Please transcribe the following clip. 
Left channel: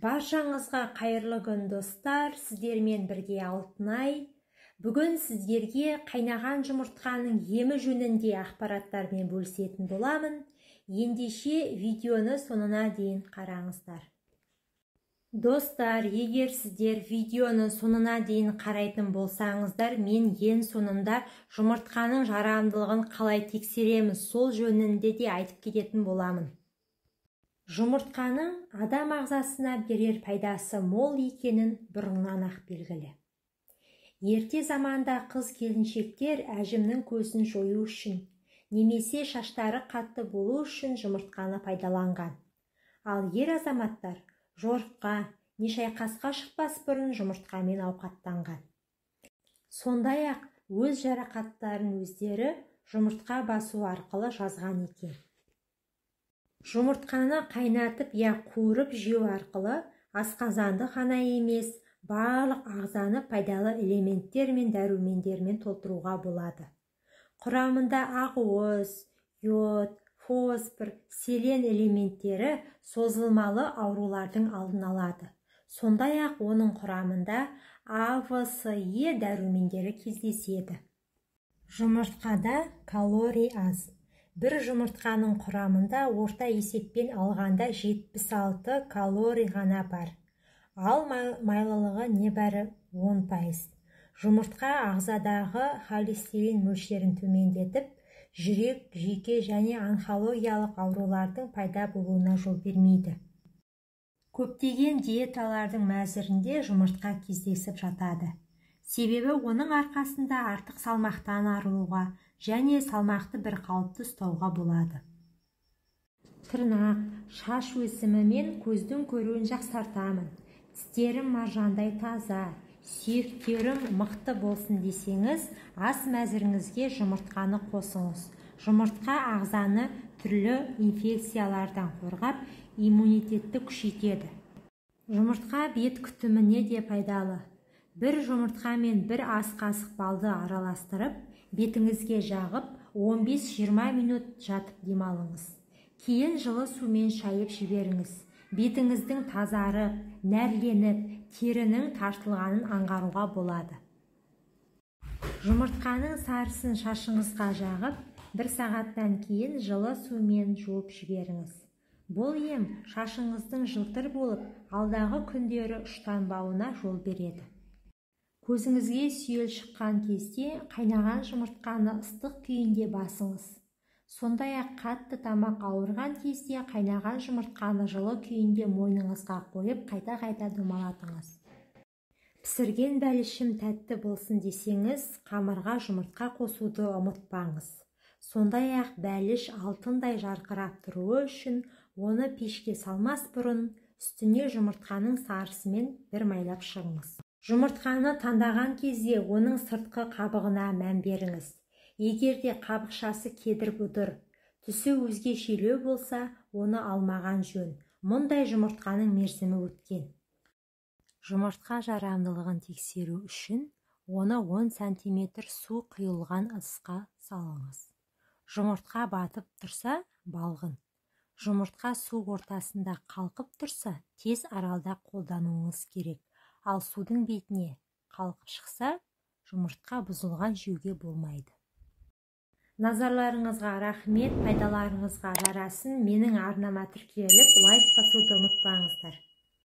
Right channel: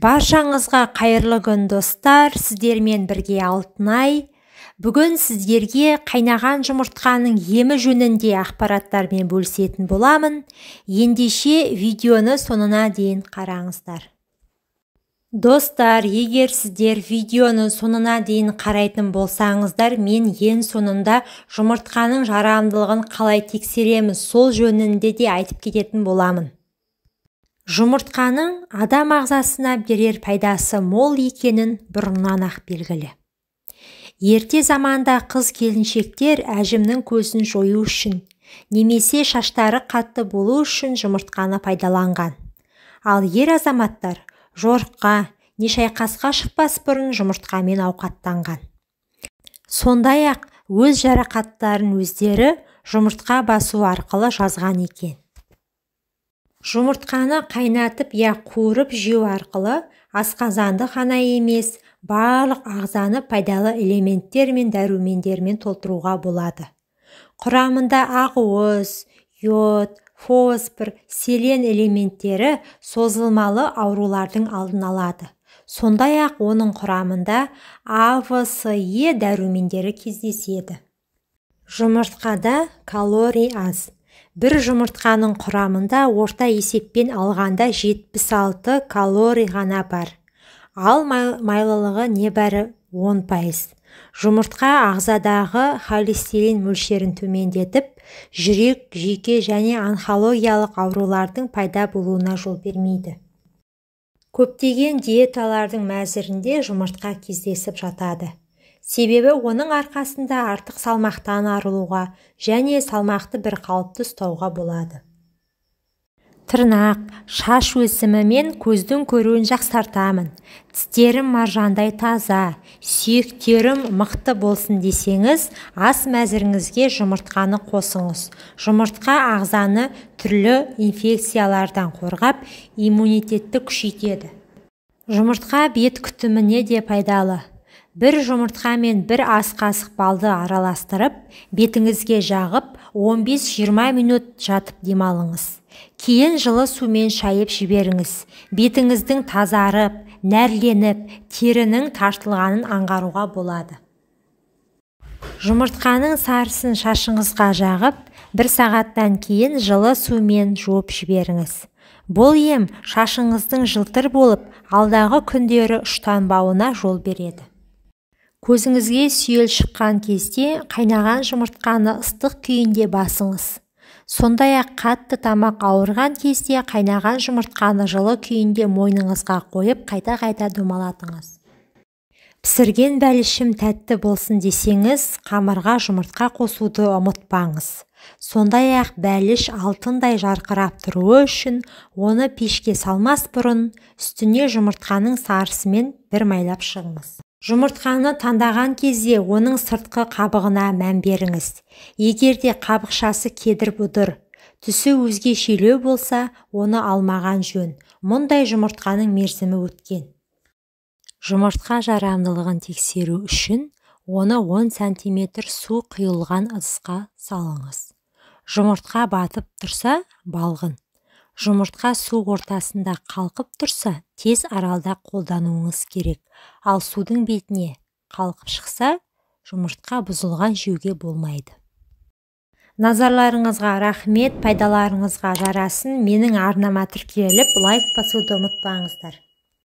Баршаңызға қайырлы күн достар, сіздермен бірге Алтынай. Бүгін сіздерге қайнаған жұмыртқаның емі жөнінде ақпараттармен бөлісетін боламын. Ендеше видеоны сонына дейін қараңыздар. Достар, егер сіздер видеоны сонына дейін қарайтын болсаңыздар, мен ең соңында жұмыртқаның жарамдылығын қалай тексереміз, сол жөнінде де айтып кететін боламын. Жұмыртқаның адам ағзасына берер пайдасы мол екенін бұрыннан ақ белгілі. Ерте заманда қыз-келіншектер әжімнің көзін жою үшін, немесе шаштары қатты болу үшін жұмыртқаны пайдаланған. Ал ер азаматтар жорыққа не шайқасқа шықпас бұрын жұмыртқамен ауқаттанған. Сондай-ақ өз жарақаттарын өздері жұмыртқа басу арқылы жазған екен. Жұмыртқаны қайнатып қуырып жеу арқылы асқазанды ғана емес, барлық ағзаны пайдалы элементтер мен дәрумендермен толтыруға болады. Құрамында ақуыз, йод, фосфор, селен элементтері созылмалы аурулардың алдын алады. Сондай-ақ оның құрамында А, В, С, Е дәрумендері кездеседі. Жұмыртқада калорий аз. Бір жұмыртқаның құрамында орта есеппен алғанда 76 калорий ғана бар. Ал майлылығы небәрі 10%. Жұмыртқа ағзадағы холестерин мөлшерін төмендетіп, жүрек, жүйке және онкологиялық аурулардың пайда болуына жол бермейді. Көптеген диеталардың мәзірінде жұмыртқа кездесіп жатады. Себебі оның арқасында артық салмақтан арылуға және салмақты бір қалыпты ұстауға болады. Тырнақ, шаш өсімі мен көздің көруін жақсартамын. Тістерім маржандай таза, сүйектерім мықты болсын десеңіз, ас мәзіріңізге жұмыртқаны қосыңыз. Жұмыртқа ағзаны түрлі инфекциялардан қорғап, иммунитетті күшейтеді. Жұмыртқа бет күтіміне де пайдалы. Бір жұмыртқа мен бір ас қасық балды араластырып, бетіңізге жағып, 15-20 минут жатып демалыңыз. Кейін жылы сумен шайып жіберіңіз. Бетіңіздің тазарып, нәрленіп, терінің тартылғанын аңғаруға болады. Жұмыртқаның сарысын шашыңызға жағып, 1 сағаттан кейін жылы сумен жуып жіберіңіз. Бұл ем шашыңыздың жылтыр болып, алдағы күндері ұштанбауына жол береді. Көзіңізге сүйел шыққан кезде қайнаған жұмыртқаны ыстық күйінде басыңыз. Сондай-ақ қатты тамақ ауырған кезде қайнаған жұмыртқаны жылы күйінде мойныңызға қойып, қайта-қайта домалатыңыз. Пісірген бәлішім тәтті болсын десеңіз, қамырға жұмыртқа қосуды ұмытпаңыз. Сондай-ақ бәліш алтындай жарқырап тұруы үшін, оны пешке салмас бұрын, үстіне жұмыртқаның сарысымен бір майлап шығыңыз. Жұмыртқаны таңдаған кезде оның сыртқы қабығына мән беріңіз. Егер де қабықшасы кедір-бұдыр, түсі өзгешелеу болса, оны алмаған жөн. Мұндай жұмыртқаның мерзімі өткен. Жұмыртқа жарамдылығын тексеру үшін, оны 10 см су құйылған ыдысқа салыңыз. Жұмыртқа батып тұрса, балғын. Жұмыртқа су ортасында қалқып тұрса, тез аралда қолдануыңыз керек. Ал судың бетіне қалқып шықса, жұмыртқа бұзылған жеуге болмайды. Назарларыңызға рахмет, пайдаларыңызға жарасын. Менің арнама тіркеліп, лайк басуды ұмытпаңыздар.